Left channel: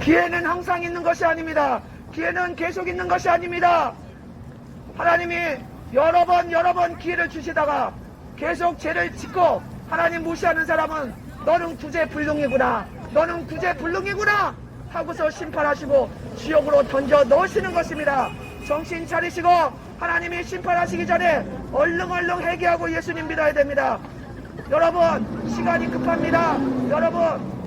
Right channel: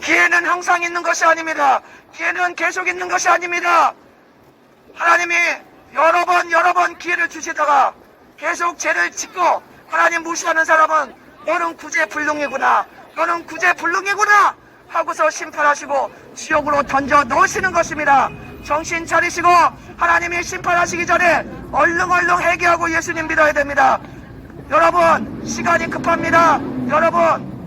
기회는 항상 있는 것이 아닙니다. 기회는 계속 있는 것이 아닙니다. 하나님이 여러 번 기회를 주시다가 계속 죄를 짓고 하나님 무시하는 사람은 너는 구제불능이구나, 너는 구제불능이구나 하고서 심판하시고 지옥으로 던져 넣으시는 것입니다. 정신 차리시고 하나님이 심판하시기 전에 얼른 회개하고 예수님 믿어야 됩니다. 여러분, 시간이 급합니다. 여러분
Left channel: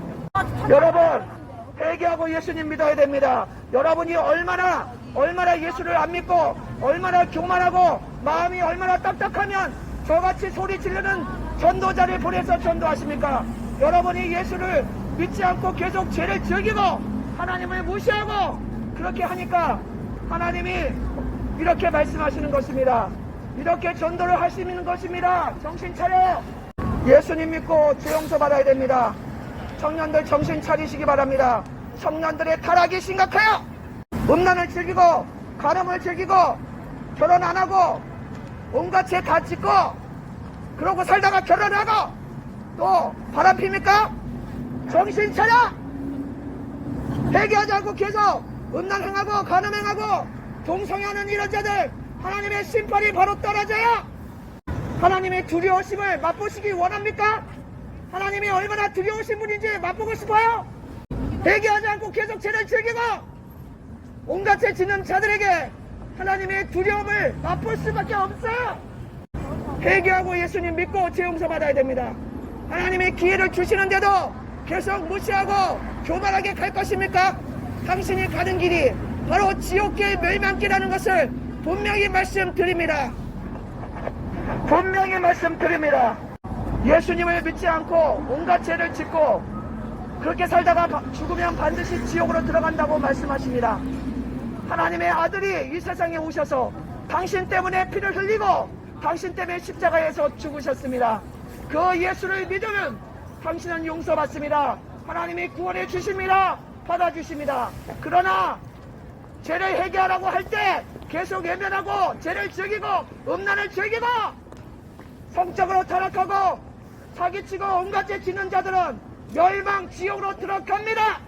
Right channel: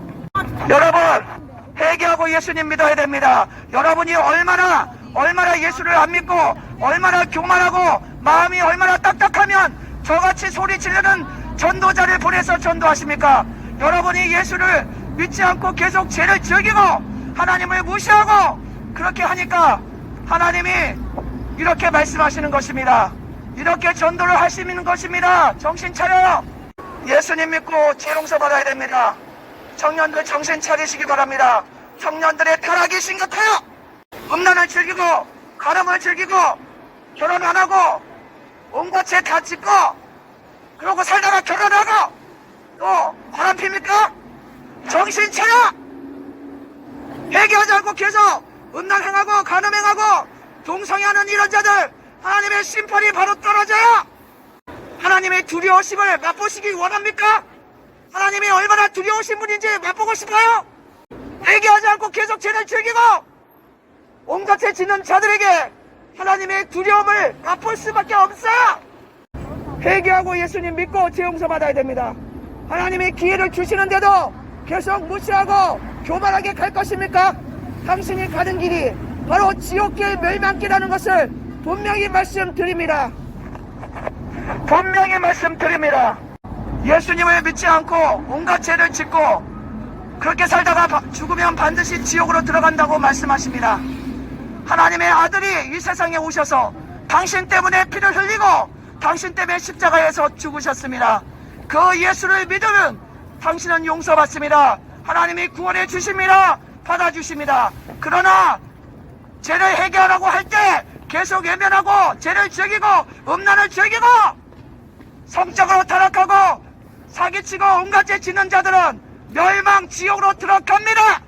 회개하고 예수님 믿어야 됩니다. 여러분이 얼마나 예수를 안 믿고 얼마나 교만하고 마음이 얼마나 딱딱하면 저같이 소리 지르는 전도자를 보내서 전도하십니까? 여러분이 예수를 믿지 않고 계속 죄를 즐기고 하나님을 무시하고 그렇게 하니까 하나님이 이렇게 말씀하시는 것입니다. 이렇게 전도를 하시는 것입니다. 정신 차려. 예수님 믿고 죄 용서 받아야 됩니다. 청년들 정신 차리시기 바랍니다. 청년들의 타락이 심각해요. 음란을 즐기고 가늠을 즐기고 결혼 안 하고 온갖 죄 다 짓고 그러고 살다가 결혼하고 또 바람 핍니까? 정신 차려. 회개하지 않고 계속 음란 행하고 가늠 행하고 동성애하는 이런 자들 하나님의 심판이 바로 떨어져요. 하나님의 두려우심을 맛보시기 원합니까? 하나님이 얼마나 두려우신 분인지 맛보고 싶어요? 회개하지 않고 계속 죄를 즐기고 온갖 죄 짓는 자들에게 하나님의 두려움을 맛볼 수밖에 없어요. 회개하고 예수님 믿고 죄 용서 받아야 됩니다. 하나님이 기회를 주시는데도 계속 무시하고 교만하게 갈 것입니까? 당신이 가는 길이 바로 지옥길 멸망길이라는 것을 분명히 말씀드립니다. 분명히 말씀드립니다. 예수님을 믿지 않고 온갖 죄를 짓고 그렇게 살다가 죽으면 반드시 지옥으로 들어간다고 말씀하십니다. 하나님의 아들이 이 세상에 오셔서 당신 때문에 피를 흘리고 당신 때문에 십자가에서 죽으셨습니다. 그 예수를 믿으면 당신은 용서받습니다. 하나님이 구원해 주십니다. 받아주십니다. 그러나 죄를 회개하라고 할 때 계속 외면하고 죄를 즐기고 음란을 즐기고 성적으로 타락하고 사기치고 온갖 죄 짓는 자들은 멸망 지옥으로 들어갑니다.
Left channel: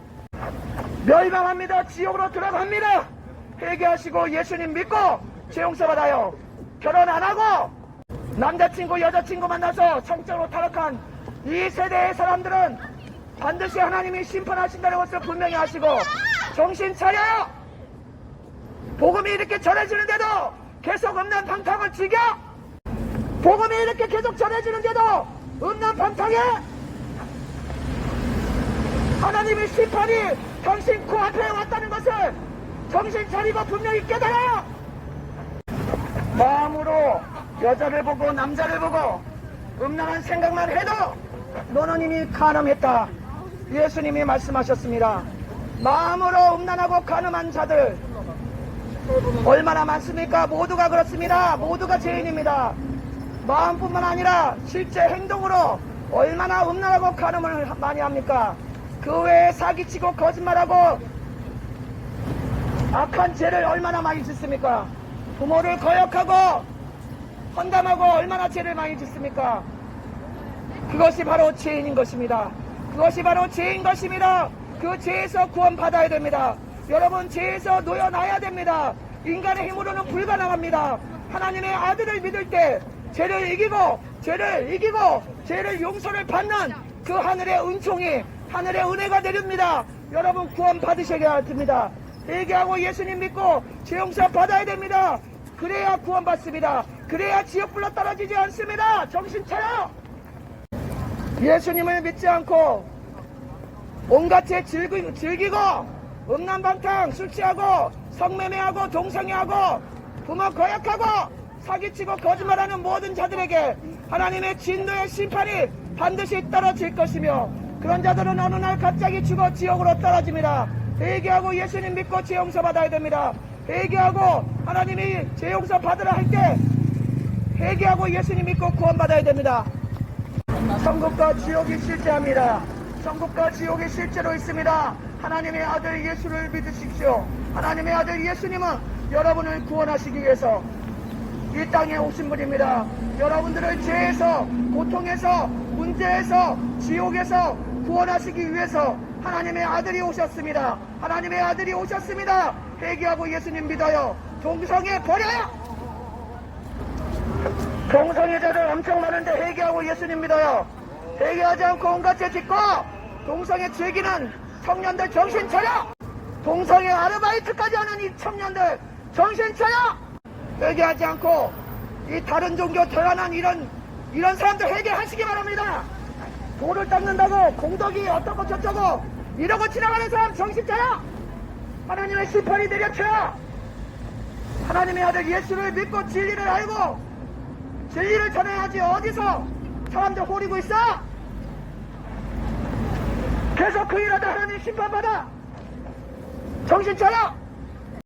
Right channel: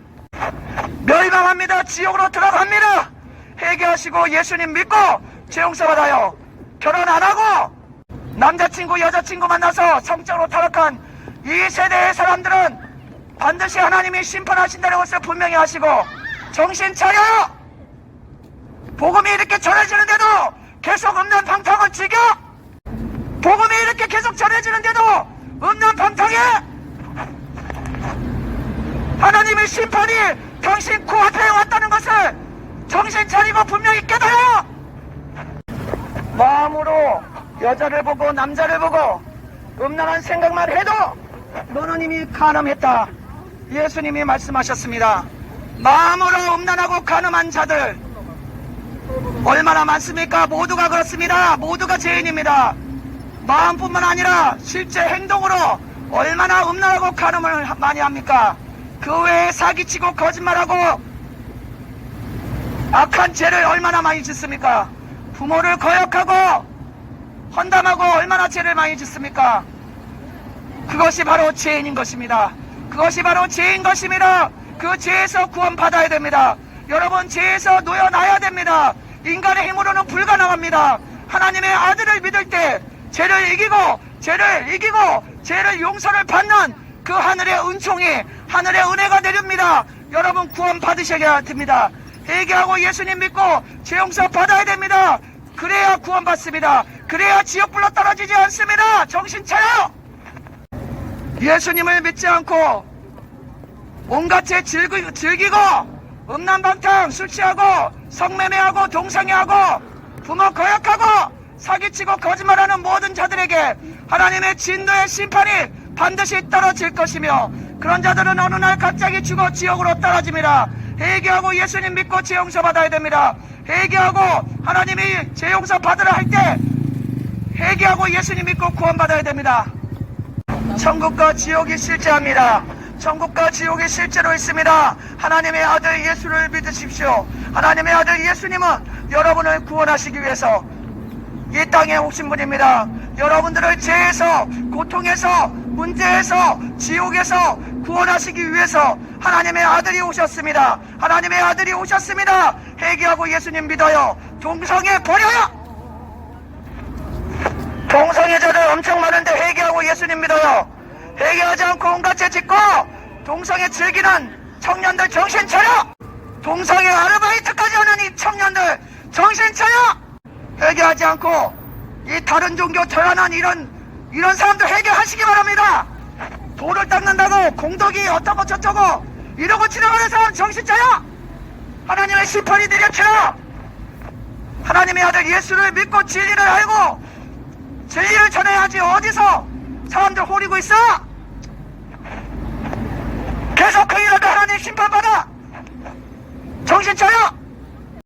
멸망합니다. 지옥으로 들어갑니다. 회개하시고 예수님 믿고 죄 용서 받아요. 결혼 안 하고 남자친구 여자친구 만나서 성적으로 타락한 이 세대의 사람들은 반드시 하나님이 심판하신다는 것을 분명히 하시고 정신 차려. 복음이 이렇게 전해지는데도 계속 음란 방탕을 즐겨. 복음이 이렇게 계속 전해지는데도 음란 방탕해. 하나님의 심판이 당신 코앞에 왔다는 것을 정신 차리고 분명히 깨달아요. 마음으로 여자를 보고 남자를 보고 음란한 생각만 해도 너는 이미 간음했다. 예수님이 말씀하셨습니다. 마음으로 음란하고 간음한 자들 얼마나 많습니까? 모두가 그렇습니다. 모두가 죄인입니다. 마음뿐만 아니라 실제 행동으로 얼마나 음란하고 간음을 많이 합니까? 그 외에 사기치고 거짓말하고 악한 죄를 얼마나 많이 짓습니까? 부모를 거역하고 헌담하고 얼마나 죄를 많이 짓습니까? 그것이 바로 죄인인 것입니다. 그것이 바로 죄인 것입니다. 그 죄에서 구원받아야 됩니다. 여러분, 죄에서 놓여놔야 됩니다. 인간의 힘으로는 불가능합니다. 하나님의 아들을 믿을 때 죄를 이기고 죄를 용서를 받는 그 하늘의 은총이 하늘의 은혜가 내립니다. 여러분, 구원 받으셔야 됩니다. 회개하고 예수님 믿고 죄 용서 받아야 됩니다. 그래야 구원 받습니다. 그래야 지옥불로 떨어지지 않습니다. 정신 차려. 예수님을 믿지 않고 온갖 죄 즐기고 음란방탕 술 취하고 성매매하고 동성애하고 부모 거역하고 사기치고 거짓말하는 모든 자들에게 하나님의 진노의 심판이 반드시 떨어질 것이며 그런 자들은 어느 날 갑자기 죽어 지옥으로 떨어집니다. 회개하고 예수님 믿고 죄 용서 받아야 됩니다. 회개하고 하나님이 죄 용서 받으라 할 때 회개하고 예수님 믿고 구원 받아야 됩니다. 천국과 지옥이 실제합니다. 천국과 지옥이 실제로 있습니다. 하나님의 아들 예수를 믿으십시오. 하나님의 아들 예수님은 여러분을 구원하시기 위해서 이 땅에 오신 분입니다. 여러분들을 죄에서 고통에서 문제에서 지옥에서 구원하시기 위해서 하나님의 아들이 오셨습니다. 하나님의 아들이 오셨습니다. 회개하고 예수님 믿어요. 동성애 버려요. 동성애자들 엄청 많은데 회개하고 예수님 믿어요. 회개하지 않고 온갖 죄 짓고 동성애 즐기는 청년들 정신 차려. 동성애 아르바이트까지 하는 이 청년들 정신 차려. 회개하지 않고 이 다른 종교 태어난 이런 사람들 회개하시기 바랍니다. 돌을 닦는다고 공덕이 어쩌고 저쩌고 이러고 지나가는 사람 정신 차려. 하나님의 심판이 내려쳐요. 하나님의 아들 예수를 믿고 진리를 알고 진리를 전해야지. 어디서 사람들 호리고 있어? 계속 그 일하다 하나님 심판받아. 정신 차려.